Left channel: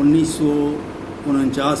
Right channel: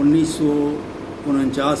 1949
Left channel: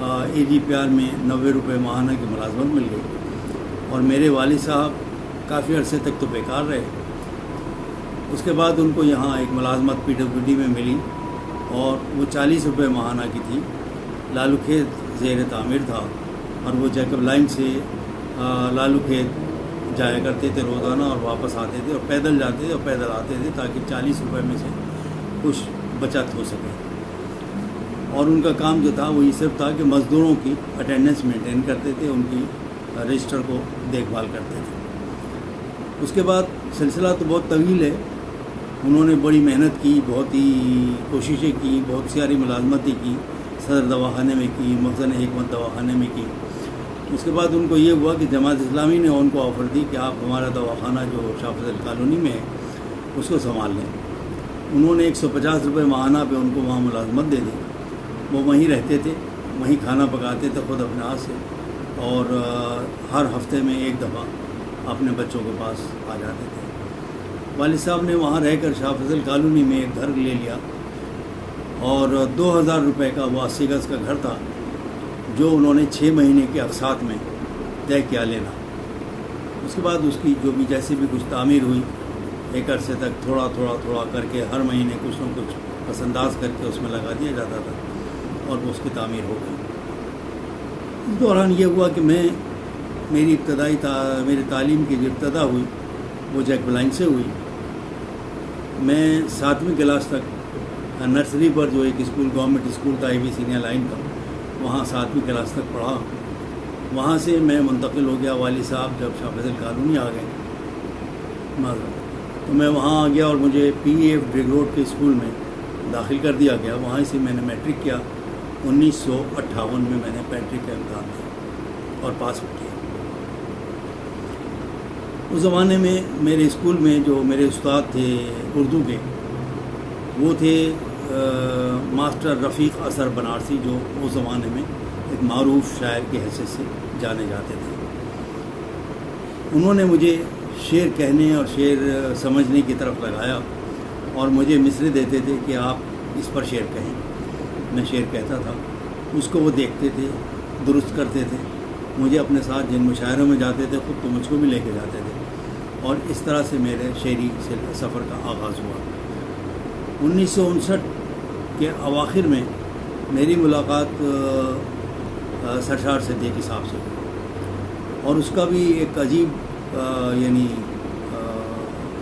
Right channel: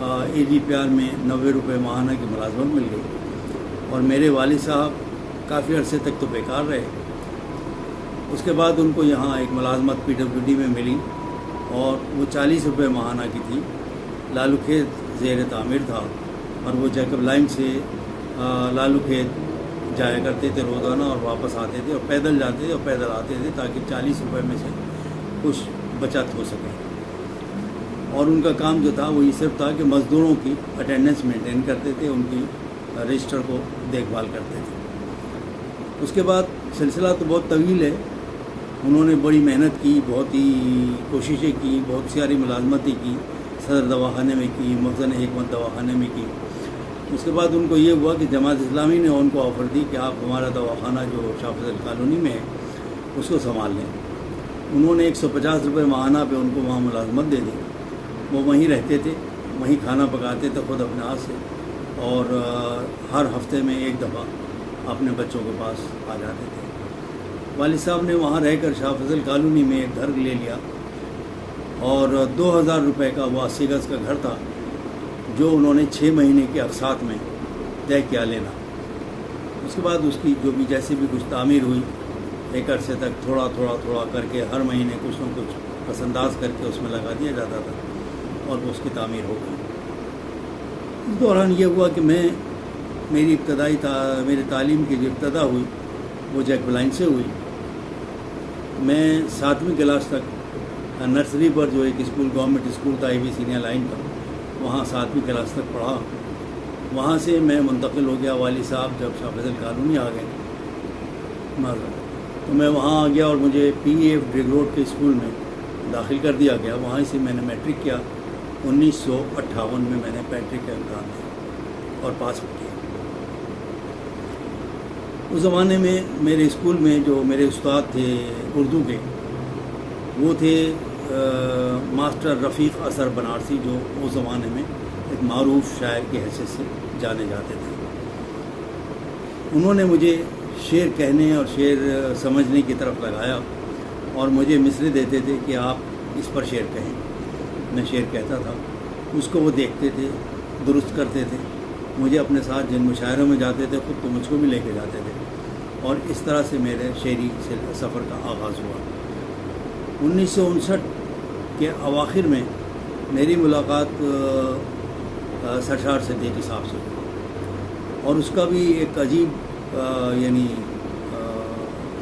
AGPR میں 90 روپے ماہانہ کی ملازمت مل گئی، اور میرے والد صاحب کافی عرصے تک تو بیکار رہے۔ اس کے بعد ان کو یہاں ایک ملازمت PWD میں ملی، اور وہ 40 روپے ماہانہ کی تھی۔ لالو کھیت زیر تعمیر تھا، اور وہ جیکب لائن سے لالو کھیت جایا کرتے تھے روزانہ، اور واپس آتے تھے، اور پیدل جاتے تھے اور پیدل آتے تھے، تاکہ 40 روپے میں سے کچھ بچت ہو سکے۔ اور ان کا کام جو تھا وہ یہ صرف تھا کہ مزدوروں کی اٹینڈنس مینٹین کرتے تھے، ان کی رجسٹر کو دیکھ بھال کرتے تھے۔ اس کے بعد سلسلہ تو بہت طویل ہے، انہوں نے بڑی محنت کی، بہت ہی کوششیں کی، بہت ساری ملازمتیں کی، صدر دواخانے میں کی، محسن حکمت دواخانے میں کی۔ اس کے بعد ان کو یہ ہوا کہ جماعت اسلامی نے ان کو آفر دی کہ آپ ہمارا دواخانہ جو شاہ فضل کالونی میں ہے اس کو سنبھال لیں۔ انہوں نے 150 روپے ماہانہ پہ ان کو وہاں ملازمت دے دی۔ وہ وہیں رہتے تھے، وہیں کھانا پکاتے تھے خود اپنے ہاتھ سے، اور ہر ہفتے میں ایک دفعہ اپنے بچوں کے پاس آ جاتے تھے۔ والد صاحب نے وہاں رہ کر شاہ فضل کالونی میں ایک گھر لے لیا، اور 2000 روپے کا وہ 80 گز کا گھر تھا، جو انہوں نے 6 مہینے کے اقساط میں طے کیا لینا۔ اس کے بعد اس کی جو بھی جیسے بھی کچھ تعمیر ہوئی، ایک عرصے تک تھوڑا تھوڑا تھوڑا کر کے ہر مہینے کچھ نہ کچھ پس انداز کر کے اس میں لگا دیا جاتا تھا، اور وہ اس کی تعمیر ہو گئی۔ اس دوران یہ ہوا کہ میری تعلیم کی جو ابتدا ہوئی وہ جیکب لائن سے ہوئی۔ میں 7ویں کلاس تک نرسری پر جو ایک اسکول گورنمنٹ اسکول تھا AV سینئر لائن کا، وہاں 7ویں کلاس تک پڑھا۔ وہاں سے میں منتقل ہو گیا، والد صاحب جب شاہ فضل کالونی آ گئے تو میں وہاں آ گیا، اور مجھے PEF ڈرگ روڈ کے اسکول میں داخل کر دیا گیا۔ وہاں سے میں نے میٹرک کیا، 1958 میں میں نے میٹرک کا امتحان دیا اور پاس بھی کیا۔ اس زمانے میں میرے اسکول میں جو میرے استاد تھے اردو کے، وہ تھے ماسٹر رفیق اثر بنارسی، جو اس زمانے میں ایک معروف شاعر کی حیثیت سے جانے جاتے تھے۔ انہوں نے مجھے شعر کہنے اور شعر سمجھنے کی طرف لگایا، اور مجھے مصرے دیتے تھے کہ آپ اس پر شعر کہیں۔ میں شعر کہتا تھا، اس کو وہ دیکھتے تھے، درست کرتے تھے، مجھے اپنے ساتھ جن مشاعروں میں جاتے تھے خود تو مجھ کو بھی لے کے جاتے تھے، اور اس طرح سے میرے شعری سفر کا آغاز ہوا۔ 1959 کے اواخر میں میری ملاقات سرشار صدیقی صاحب سے ہوئی، اور اس کا بھی ایک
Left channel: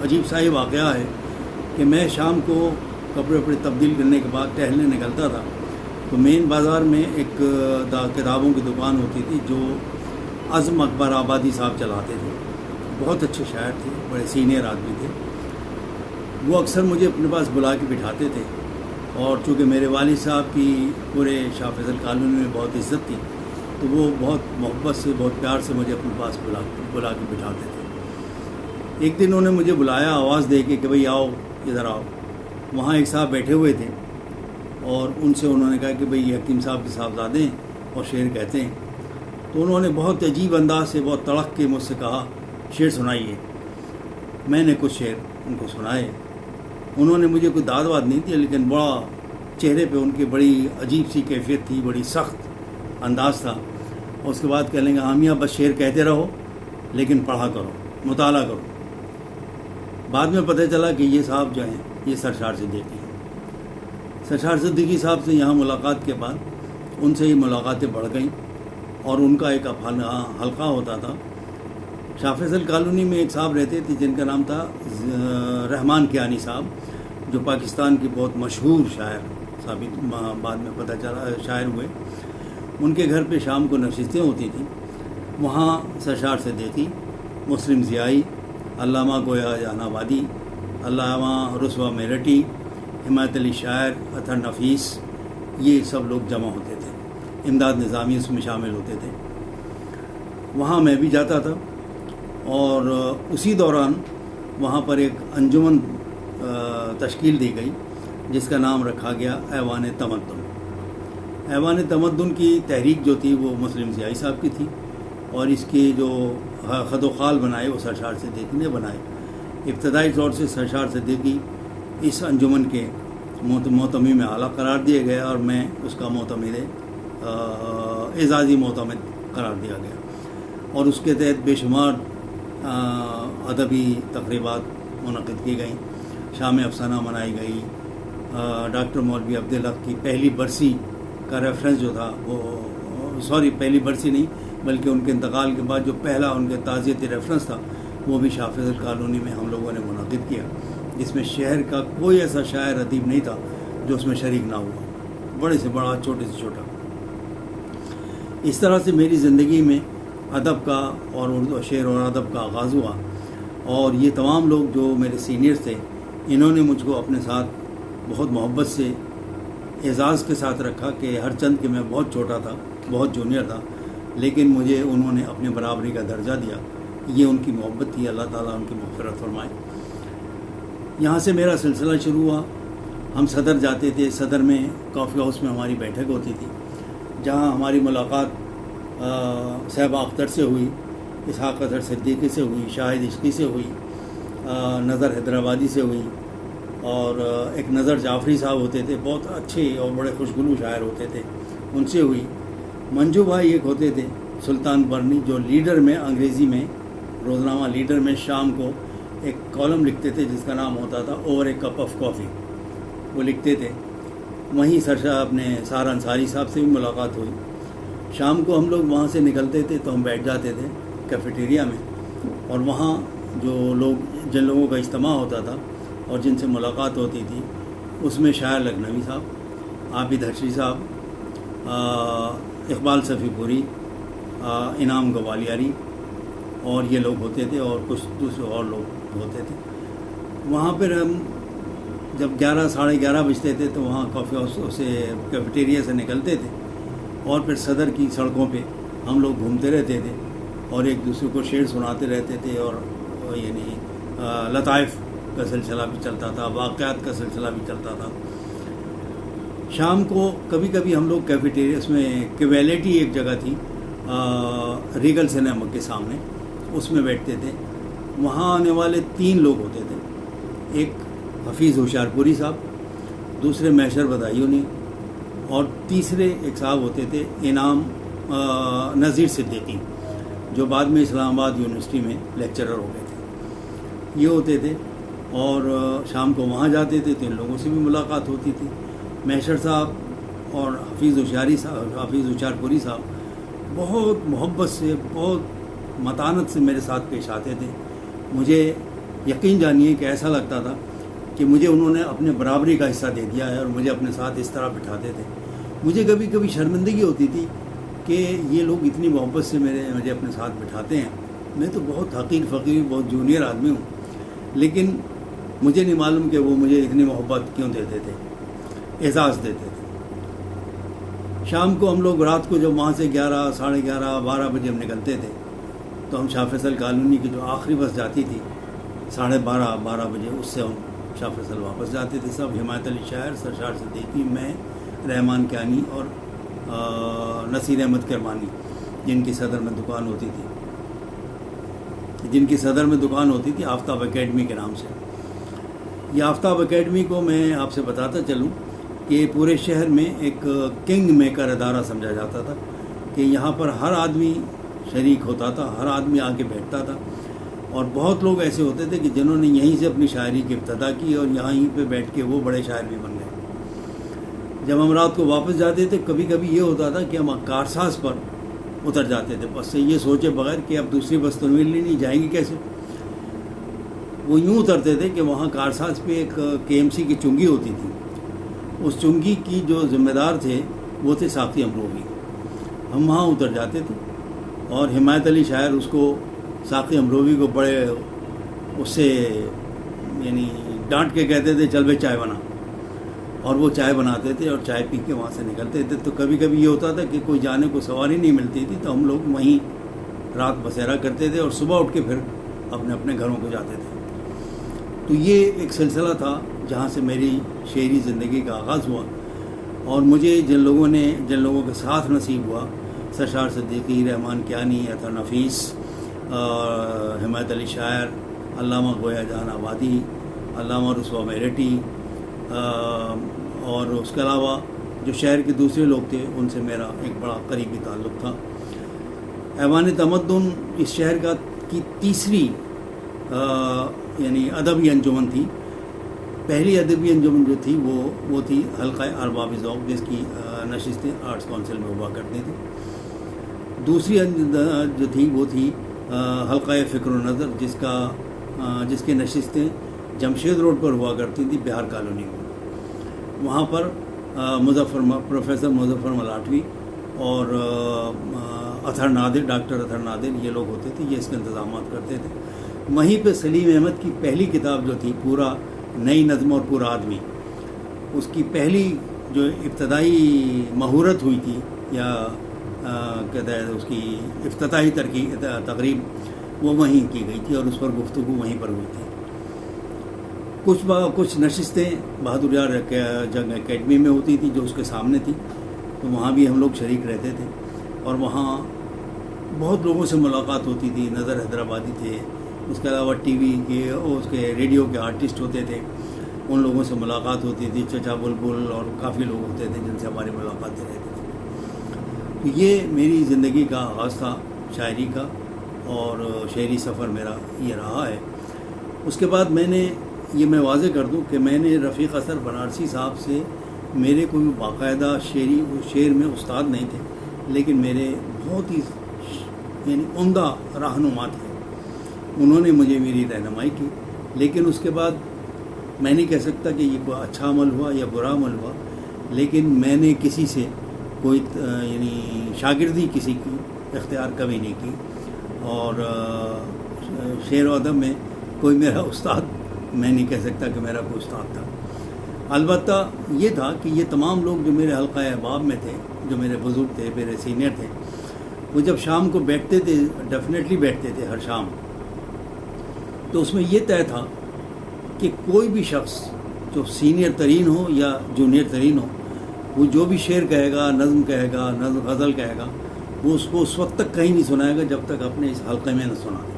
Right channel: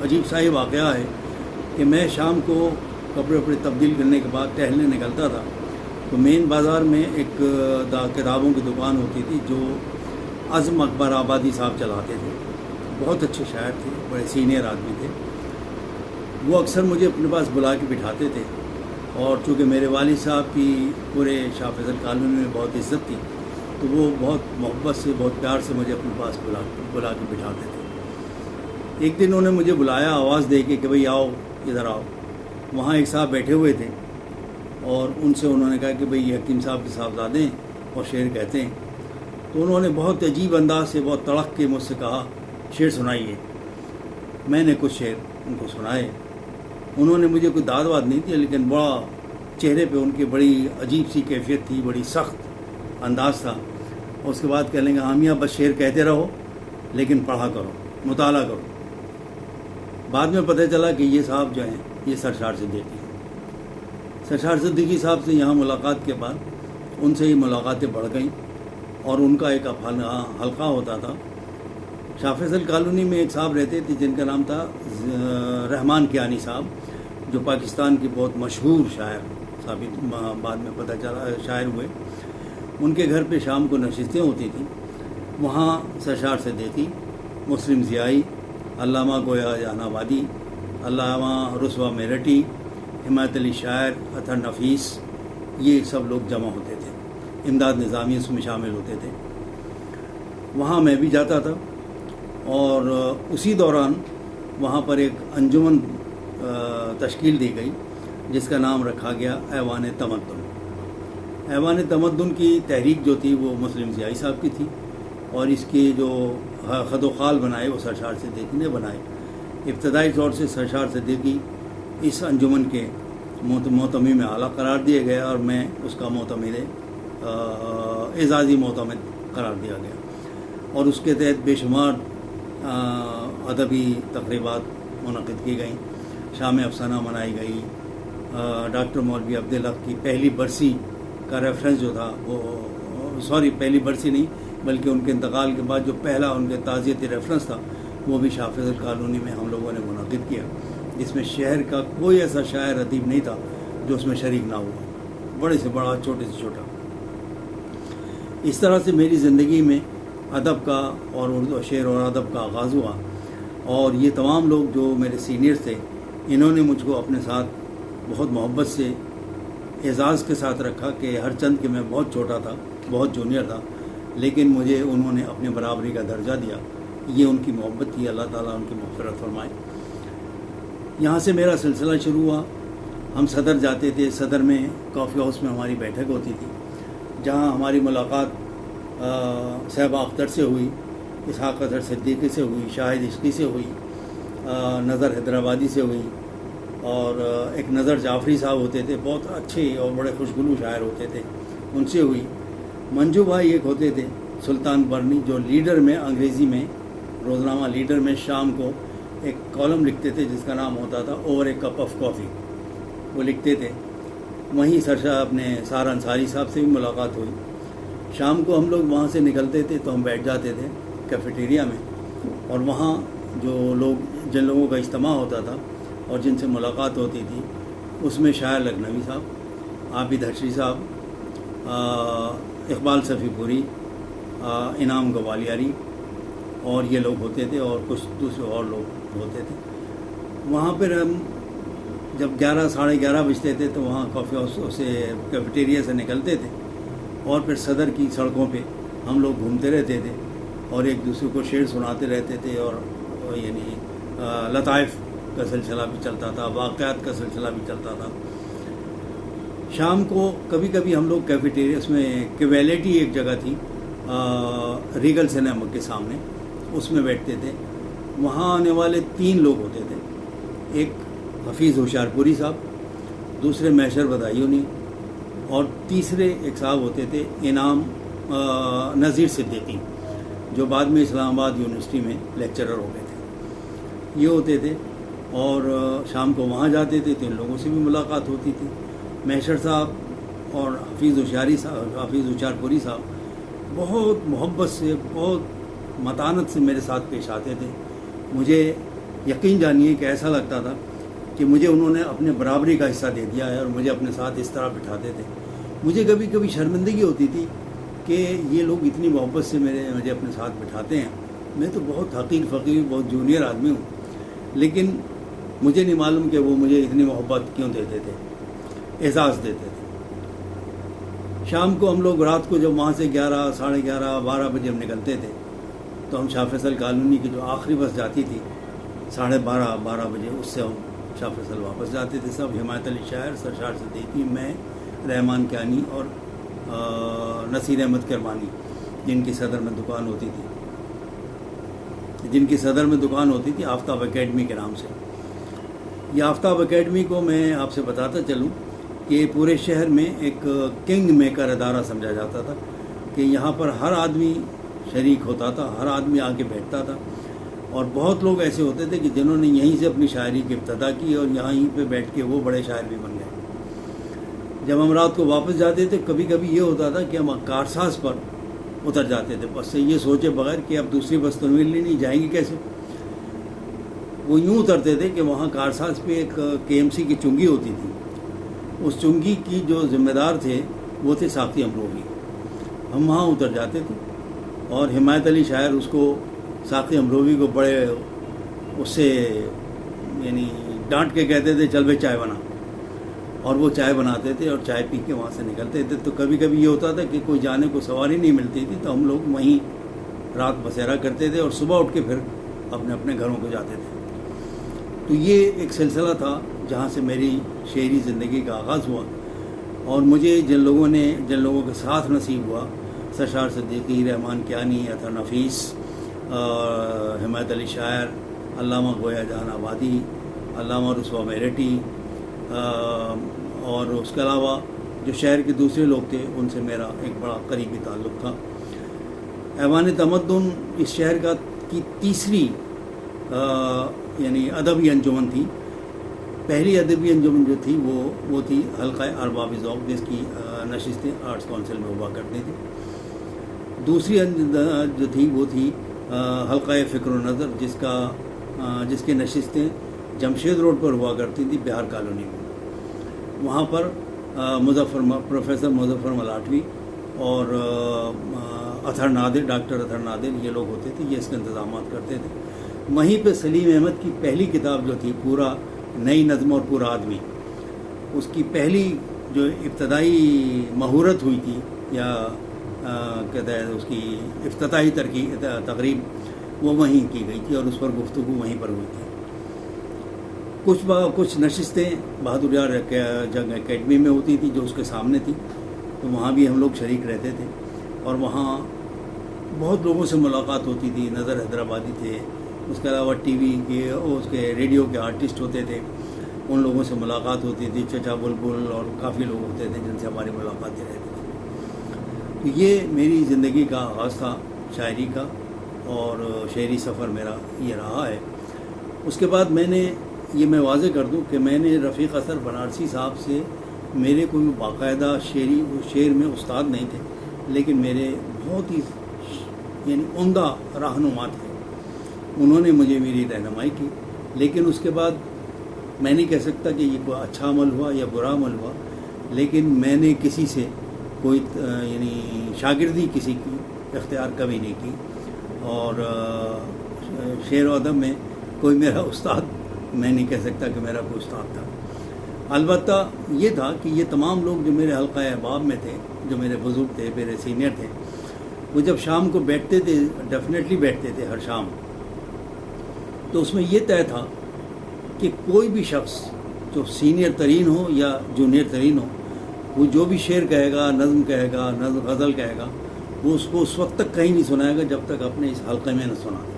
عجیب سا ہی واقعہ ہے کہ میں شام کو کپڑے وپڑے تبدیل کرنے کے بعد ٹہلنے نکلتا تھا، تو مین بازار میں ایک کتابوں کی دکان ہوتی تھی جو عزم اکبر آبادی صاحب چلاتے تھے۔ بہت اچھے شاعر تھے، بڑے سینئر آدمی تھے۔ وہ اکثر مجھے اپنے پاس بلا کے بٹھاتے تھے، اور چونکہ میرے والد صاحب کی پورے شاہ فضل کالونی میں بہت عزت تھی، تو وہ بہت محبت سے، بہت پیار سے مجھے اپنے پاس بلا کے بٹھاتے تھے۔ ایک دن انہوں نے مجھے بلایا آواز دے کے کہ بھئی آؤ، ادھر آؤ۔ وہاں ایک صاحب بیٹھے ہوئے تھے، اور ان سے انہوں نے کہا کہ بھئی حکیم صاحب کے صاحبزادے ہیں اور شعر کہتے ہیں۔ تو انہوں نے بہت عجیب انداز سے، بہت تڑک کے مجھ سے کہا شعر سنائیے۔ میں نے کچھ شعر ان کو سنائے۔ انہوں نے مجھے کوئی داد واد نہیں دی، لیکن بڑا چہرے پہ ان کی بڑی عجیب سی کیفیت تھی، بڑی سخت انداز تھا۔ اور اس کے بعد کہہ لیں گے عامیہ بس شعر کہتے رہو، لیکن پڑھا کرو، مطالعہ کرو۔ بعد میں پتہ چلا کہ یہ صاحب جو ہیں یہ سرشار صدیقی ہیں۔ سرشار صدیقی صاحب سے یہاں ملاقات کے بعد ان سے ہی ملاقاتیں بڑھ گئیں، اور ان کا ایک حلقہ ہوتا تھا۔ شاہ فضل کالونی میں ایک صاحب رہتے تھے جن کا نام تھا رحمان کیانی صاحب، جو پاکستان کے بہت مشہور شاعر ثابت بعد میں پتہ چلا شاعر ہوئے۔ ان کے گھر پہ شام کو نشستیں ہوتی تھیں۔ وہاں سرشار صدیقی، مسلم ضیائی، علامہ گویا جہان آبادی، علامہ رسوا میرٹھی، حمایت علی شاعر، اطہر نفیس، یہ سب لوگ جمع ہوتے تھے۔ امداد نظامی اس میں شامل ہوتے تھے۔ وہاں میں بھی جاتا تھا، اور اسی دوران وہاں پر ایک انجمن تشکیل دی گئی جس کا نام رکھا گیا ایوان تمدن۔ ایوان تمدن کی تحریک جو تھی وہ مسلم ضیائی صاحب کی تھی، اور اس کے جو خد و خال بنائے وہ سرشار صدیقی نے بنائے۔ ابتدائی طور سے سرشار صدیقی اس انجمن کے محتمی میں اعلیٰ قرار دیے گئے، اور میں اس کا معتمد اعزازی معتمد قرار دیا گیا، اور اس کے تحت بے شمار ادبی تقریبات منعقد کی گئیں، شام افسانہ منائی گئی، ڈاکٹر مولوی عبدالحق کی پہلی برسی کا ریفرنس جو تھا وہ پہلی برسی نہیں بلکہ ان کے انتقال کے بعد جو پہلا ان کے تعزیتی ریفرنس تھا وہ بھی شاہ فیصل کالونی میں ہم لوگوں نے منعقد کیا، جس میں شہر کا کوئی ایسا شاعر ادیب نہیں تھا جو اس میں شریک نہ ہوا، بڑے سے بڑا چھوٹے سے چھوٹا۔ اس طرح سے میری زندگی میں ادب کا اور اردو شعر اور ادب کا آغاز ہوا، اور یہ تمام لوگ جو میرے سینئرز تھے انہوں نے مجھ کو اپنے ساتھ بہت محبت سے اعزاز کے ساتھ رکھا کہ ہر چند کہ میں بہت چھوٹا تھا، بہت جونیئر تھا، لیکن مجھے انہوں نے اپنے برابری کا درجہ دیا۔ یہ ان کی محبت تھی، اللہ تعالیٰ ان کی مغفرت فرمائے۔ یہاں سے میرا سلسلہ شروع ہوا، ہم صدر جاتے تھے، صدر میں کافی ہاؤس میں ہماری بیٹھک ہوتی تھی، جہاں ہماری ملاقات صاحبہ اختر سے ہوئی، اسحاق اظہر صدیقی سے ہوئی، شاہد عشقی سے ہوئی، نظر حیدرآبادی سے ہوئی، اور ایک نظر جعفری صاحب ہوتے تھے، بہت اچھے اور بڑے خوشگلو شاعر ہوتے تھے، ان سے ہوئی۔ منجو بھائی ایک ہوتے تھے سلطان برنی، جو لیڈر میں انگریزی میں روزنامہ لیڈر میں شام کو ایک کالم لکھتے تھے جس کا نام ہوتا تھا over a cup of coffee, وہ لکھتے تھے۔ وہیں سرشا اپنے سار انصاری صاحب سے بھی ملاقات ہوئی۔ شام کو ہم لوگ وہاں سے نکلتے تھے تو ہم بیٹھ جاتے تھے کیفیٹیریا میں، اور وہاں جو لوگ جن لوگوں کا اجتماع ہوتا تھا اور جن سے ملاقات ہوتی تھی اس میں شاعر لکھنوی صاحب، عابد حشری صاحب، اقبال صفی پوری، انعام گوالیاری اور یہ لوگ ہوتے تھے، اور کچھ دوسرے اور لوگ ہوتے تھے۔ وہاں پر ہم جب 11 ساڑھے 11 بجتے تھے تو وہاں کافی ہاؤس سے کیفیٹیریا سے نکلتے تھے، اور پھر صدر کی سڑکوں پہ ہم لوگ گھومتے رہتے تھے اور ایک دوسرے کو شعر سناتے رہتے تھے، اور یعنی لطائف کا سلسلہ بھی چلتا تھا، واقعات کا سلسلہ بھی چلتا تھا۔ شام کو کبھی کبھی ہم لوگ کیفیٹیریا، اس میں کیویلٹی ایک جگہ تھی ریگل سنیما کے سامنے، اس میں بیٹھتے تھے۔ وہاں آنے والے 3 لوگ ہوتے تھے، ایک حفیظ ہوشیار پوری صاحب، دوسرے محشر بدایونی، اور تیسرے ایک صاحب ہوتے تھے انعام نذیر صدیقی، جو بعد میں اسلام آباد یونیورسٹی میں لیکچرر ہو گئے تھے۔ یہ ہوتے تھے، اور شام کو وہاں جاتے تھے تو ان لوگوں سے بھی ملاقات ہوتی تھی۔ محشر صاحب اور حفیظ ہوشیار پوری صاحب بہت محبت سے، بہت متانت سے میرے ساتھ پیش آتے تھے۔ مجھے یقین جانیے کہ ایسا لگتا تھا کہ مجھے انہوں نے اپنے برابری کا حصہ دے دیا ہے، اور مجھے اپنے ساتھ اس طرح بٹھاتے تھے۔ مجھے کبھی کبھی شرمندگی ہوتی تھی کہ یہ لوگ اتنی محبت سے مجھے اپنے ساتھ بٹھاتے ہیں، میں تو بہت حقیر فقیر، بہت جونیئر آدمی ہوں، لیکن مجھے نہیں معلوم کہ وہ مجھے اتنی محبت کیوں دیتے تھے، اعزاز دیتے تھے۔ شام کو ہم لوگ رات کو جب وہاں سے 11 ساڑھے 11 12 بجے ہم نکلتے تھے تو ہم شاہ فیصل کالونی کی جو آخری بس جاتی تھی 12:30 بجے، اس سے ہم شاہ فیصل واپس جاتے تھے سب، حمایت علی شاعر، سرشار صدیقی، میں، رحمان کیانی اور نصیر احمد کرمانی، جن کی صدر میں دکان ہوتی تھی آفتاب اکیڈمی کے نام سے۔ یہ آفتاب اکیڈمی کو میں آپ سے بتاتا چلوں کہ پورے شہر میں ایک کنگ میکر ادارہ سمجھا جاتا تھا، کہ یہاں پر ہر آدمی شریک ہوتا تھا، ہر آدمی آ کے بیٹھتا تھا، اور بہت لوگ ایسے ہوتے تھے کہ جنہوں نے یہیں سے اپنی شاعری کی ابتدا کی اور یہیں پہ بیٹھ کے وہ بڑے شاعر بھی بن گئے۔ جب ہم رات کو واپس جاتے تھے کبھی کبھی یہ ہوتا تھا کہ ہم کارساز پر اتر جاتے تھے، بس سے یہ سوچے بغیر کہ اب دوسری بس تو ملنی نہیں، جائیں گی کیسے۔ وہ یوں اترتے تھے کہ وہاں کارساز پہ ایک KMC کی چنگی ہوتی تھی، اس چنگی کی جو ذمہ دار تھے وہ تھے ساقی امروی۔ ہم وہاں اتر جاتے تھے اور حمایت علی شاعر اس کو، ساقی امروی کو بڑے اس سے یعنی ڈانٹ کے کہتے تھے چل بے چائے بنا، اور وہ چائے بناتے تھے اور چائے پی کے وہاں سے نکلتے تھے۔ تو کبھی کبھی یہ ہوتا تھا کہ کوئی جانے کو سواری نہیں ملتی تھی تو ہم لوگ وہیں رات بسیرا کرتے تھے اور صبح اٹھ کے پھر اپنے اپنے گھروں کو جاتے تھے۔ تو یہ ایک سلسلہ تھا جہاں سے میری شعری زندگی کا آغاز ہوا، اور مجھے جن لوگوں کے ساتھ نصیب ہوا، سرشار صدیقی، رحمان کیانی، عطا نفیس، حمایت علی شاعر، علامہ گویا جہان آبادی، علامہ رسوا میرٹی، اور اس کے علاوہ جو شہر کے دوسرے لوگ تھے ان سے میرا ایک بڑا قریبی تعلق تھا۔ ایوان تمدن اس شہر کی تیسری یعنی ادبی انجمن تھی۔ پہلی ادبی انجمن جو تھی وہ تھی حلقہ ارباب ذوق، جس کی نشستیں آرٹس کونسل میں ہوا کرتی تھی۔ دوسری جو تھی وہ تھی حلقہ فکر و نظر، جس کے نشستیں جمشید روڈ پر ہوا کرتی تھی، بہار کالونی میں۔ وہاں پر پروفیسر مظفر ملاٹوی اور ڈاکٹر اطہر نادر یہ لوگ ہوتے تھے، یہ اس کے انتظامات کرتے تھے۔ وہیں پہ سلیم احمد کی پہلی کتاب جو تھی پورا نئی نظم اور پورا آدمی، اس کی پہلی جو ابتدائی مہورت ہوئی تھی یا کہتے ہیں اس کی افتتاحی تقریب، وہ وہیں کی گئی تھی اور اس پر گفتگو وہیں پر ہوئی تھی۔ کچھ نشستیں بہادر یار جنگ اکیڈمی میں ہوتی تھی جو اس کے سامنے تھی، تو وہاں بھی ہم لوگ شریک رہتے تھے اور وہاں بہت لوگوں سے ملاقات ہوتی تھی۔ نظر حیدرآبادی تھے، اس کے علاوہ ٹی وی کے اور اس کے ریڈیو کے آرٹسٹ ہوتے تھے، ان لوگوں سے ملاقات ہوتی تھی۔ چچا بلبل اور کافی لوگ ہوتے تھے جن سے ہماری ملاقاتیں رہتی تھیں۔ تو یہ میری زندگی کا آغاز تھا شاعری کا، اور شعری سفر میرا یہ رہا ہے۔ اس کے بعد میں واضح کر دوں کہ میں نے رفیق اثر بنارسی صاحب سے میرے کوئی باقاعدہ شعر میں استاد نہیں تھے، لیکن میرے بہت ہی یعنی عمدہ رہنما تھے۔ انہوں نے مجھے میری رہنمائی کی، لیکن اس کے بعد میں نہیں کہہ سکتا کہ یہ کوئی اچھا عمل ہوا یا برا عمل ہوا، لیکن میں نے کسی سے کوئی یعنی شاگردی کسی کی اختیار کبھی نہیں کی، اور شعر و ادب میں کوئی میرا استاد میں نہیں کہہ سکتا کہ میرا کوئی استاد تھا۔ البتہ یہ تھا کہ یہ تمام لوگ جو میرے حلقہ احباب میں تھے، جو میرے بزرگ تھے، میرے سینئر تھے، وہ جب شام کو بیٹھتے تھے، ڈیفینیٹلی بیٹھتے تھے ہر شام، تو اس میں یہ طے تھا کہ کوئی بھی شخص جو سینئر ترین ہو یا جونیئر ترین ہو، وہ جو بھی شعر کہے گا، نظم کہے گا، غزل کہے گا، وہ اس کو اس وقت تک کہیں نہیں سنائے گا جب تک اپنے اس حلقے میں نہ سنا دے۔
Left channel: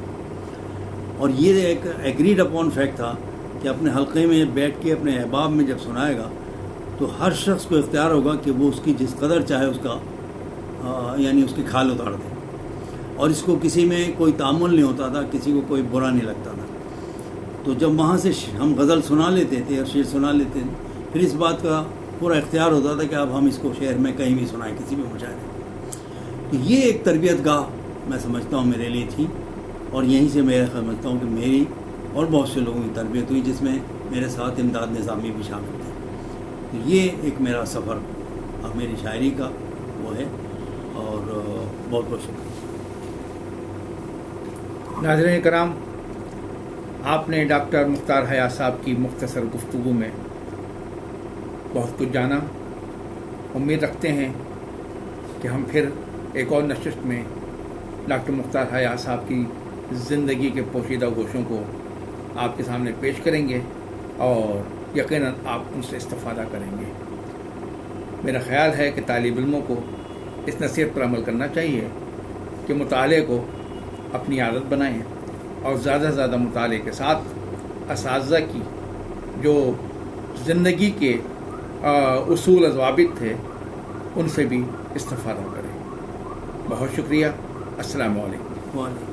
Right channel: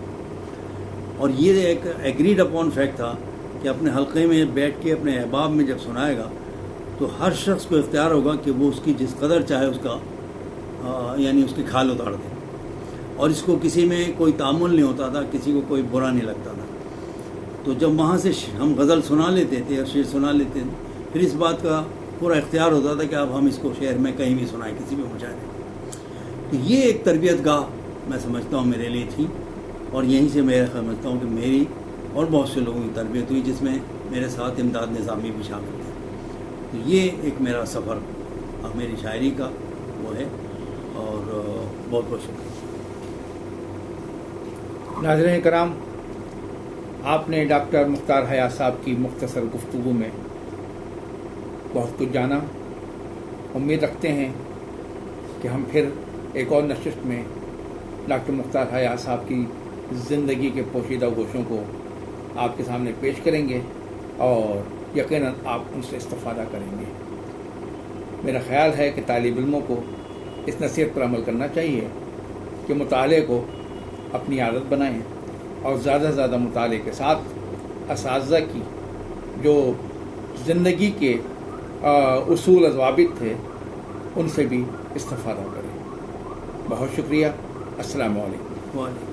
اور یہ ایک ایگریڈ اپون فیکٹ تھا کہ اپنے حلقے میں بیٹھ کے اپنے احباب میں جب سنائے گا تو ہر شخص کو اختیار ہوگا کہ وہ اس کی جس قدر چاہے اس کا یعنی اس کی کھال اتار دے، اور اس کو کسی میں کوئی تعامل نہیں ہوتا تھا، کسی کو کوئی برا نہیں لگتا تھا۔ تو جب وہاں سے ہم غزل سنا لیتے تھے اور شعر سنا لیتے تھے، پھر اس بات کا پورا اختیار ہوتا تھا کہ اب ہم اس کو شہر میں کہیں بھی سنائیں، کسی بھی مشاعرے۔ تو یہ ایک تربیت گاہ میں سمجھتا ہوں میرے لیے تھی، اور یہیں سے میں سمجھتا ہوں کہ میری اور بہت سے لوگوں کی تربیت ہوئی، جس میں میرے ساتھ امداد نظامی بھی شامل تھے۔ تو یہ ایک میرا سفر اب میری شاعری کا وہ ہے، اور بہت بہت شکریہ۔ ناظرین کرام، آپ نے ڈاکٹر مختار حیات صاحب کی مختصر گفتگو میں بہت کچھ جانا۔ امید رکھتے ہیں کہ ہم پھر ایک اور نشست میں ڈاکٹر مختار حیات صاحب کی زندگی کے پوشیدہ گوشوں کو آپ کے سامنے پیش کریں گے، اور یقیناً آپ ان سے استفادہ کریں گے۔ میرا خیال ہے کہ طالب علموں کو اس نصیحت پر عمل کرنا چاہیے کہ مطالعے کو اپنی عادت بنائیں، اور زیادہ سے زیادہ مطالعے کے ساتھ اساتذہ کی جو زندگی کے اصول و ضوابط تھے ان سے بھی استفادہ کریں۔ بہت شکریہ۔ السلام علیکم۔